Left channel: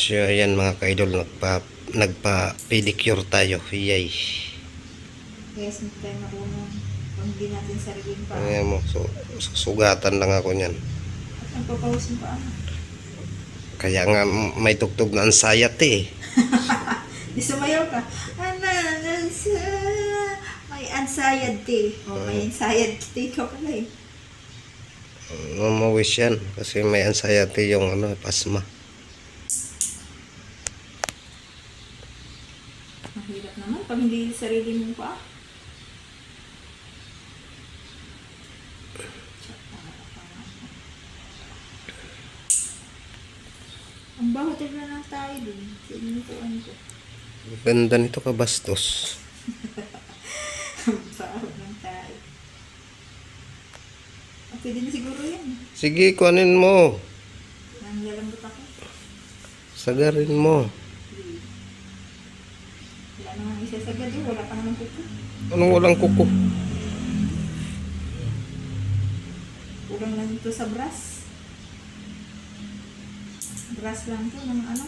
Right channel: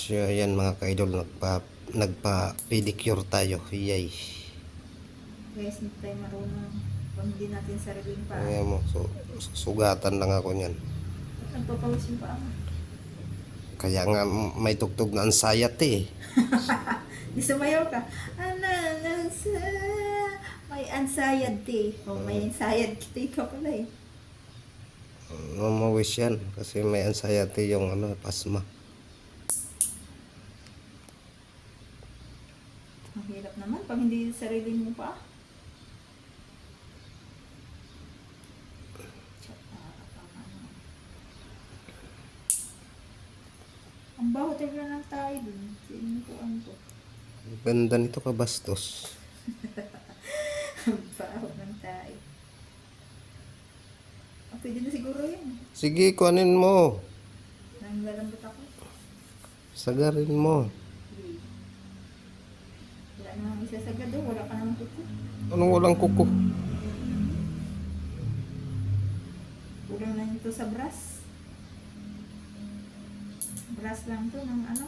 So ayan mga kaidol, nagpa, nagpa pedicure tayo. Yay. Guys, hindi tayo marunong hindi natin sariling pa. Ayan mo, so, susugatan lang ako niyan. At ang papawisin pa ako. Kaya nga may tugtog na ansayat eh. Di sumayaw ka. Ananasa. May anxiety. O may anxiety ka pala eh. Mamawis yan kasi may anxiety yung ano, pasma. Ang hirap naman pag hindi sarili mo pa. Ang baho talaga ng tayo dun. Sinukuan ko. Ganda nito kabastos. Ang baho ng tayo. Ah, Pwede na siguro yan. Sige, kuhanin mo. Nanlalambot ako. Sagarin mo. Wala na nga isa sa gado. Wala pa naman kuko. Anong walang kuko? Kulang lang ito sa brass. Brass lang to ng ano.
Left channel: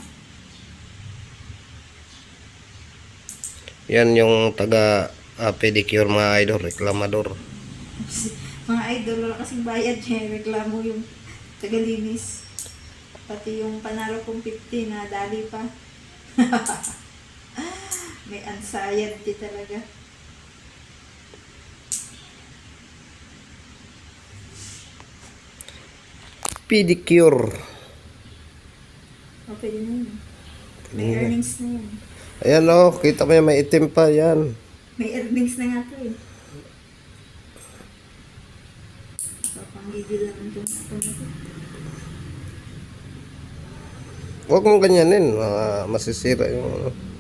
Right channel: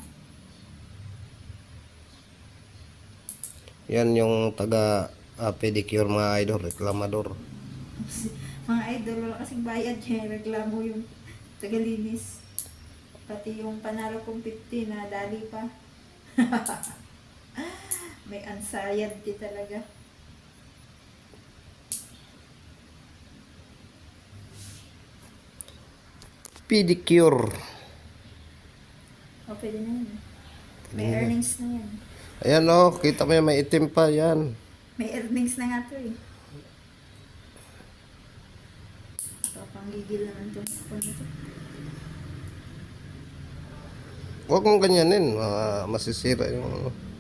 Yan yung taga ah, pedicure mga idol, reklamador. Mga idol, wala kasing bayad niya. Reklamo yung tagalinis. Pati yung panalo kong 50 na dali pa. May anxiety talaga. Pedicure. O, pwede na yun. May earnings na yan. Ayan oh, kita mo yan, may itim pa yan. May earnings na nga to eh. Papanggigil naman dyan sa. Huwag mong ganyanin, ah, masisira yung ano, natin.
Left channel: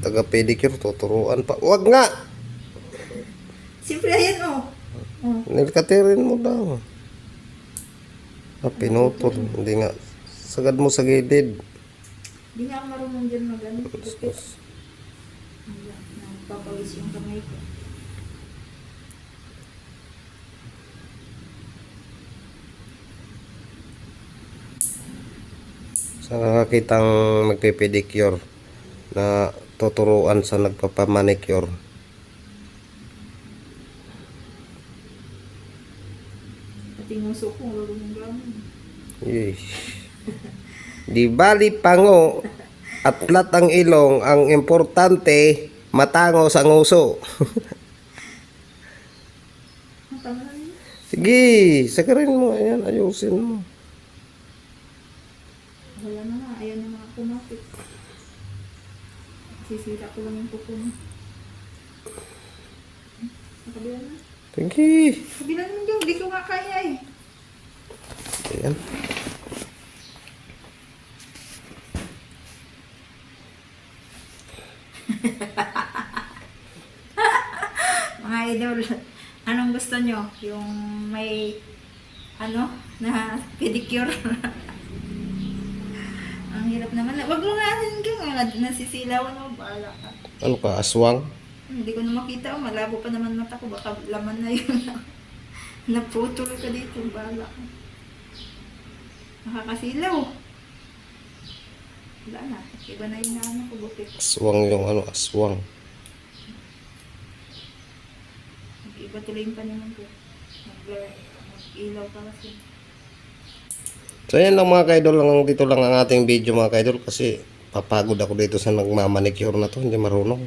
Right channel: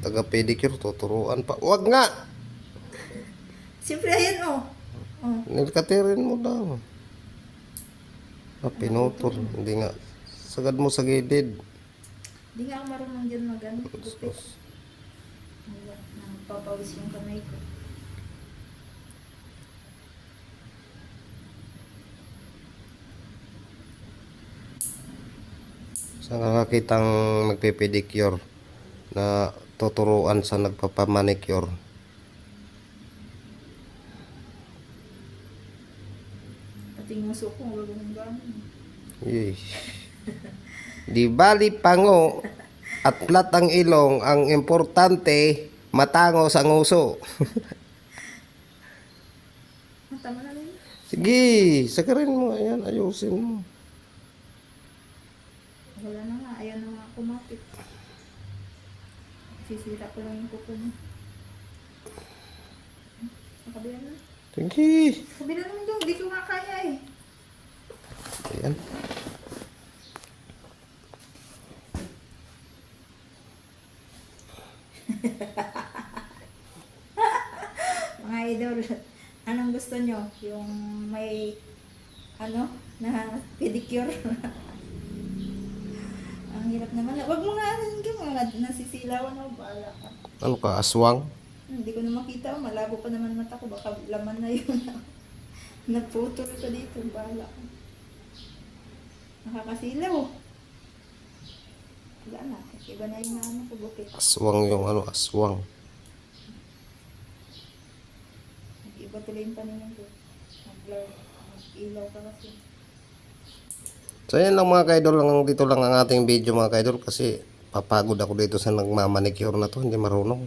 Taga pedicure, tuturuan pa. Huwag nga! Siyempre, ayan. Oh. Nilkatirin mo daw. Ah, pinutol. Hindi nga. Sagad mo sa gilid. Hindi nga ako marunong dyan mag-ano. Nagpapawis yung kamay ko. Sa nakakitang nagpipedicure na tuturuan sa nagpapamanicure. Pati ko, marunong gamon. Yay. Di bali pango at plat ang ilong, ang importante matango sa nguso. Sige, sakarin mo. Ayan, ayusin mo. Wala na nga, ayaw na nga kumapit. Sisira ko lang yung kuko mo. Sa kabila na. Sige. Kabila naman dyan, hindi ko nga kaya eh. Ayan. Mga idol, anong gusto nyo? Yung may, ano, na pedicure. Hirap naman. Wag mo nga, ka nga, nasisilawan mo, bahala ka. Ano ka, aswang? Hindi ko na makita, oh, malabo pa naman mata ko, baka laman na yun. Naputol ka dito, bahala ka. Nakakasilaw. Wala na, iba na yung ano ko, bukit. Aswang yung ano, aswang. Iba tuloy yung paningin ko. Mag- Mag-ilaw pa kasi. So yan lang mga kaidol, lang dito lang ang ating video mga kaidol kasi papagod ako dito sa nagmamanicure na to, hindi marunong.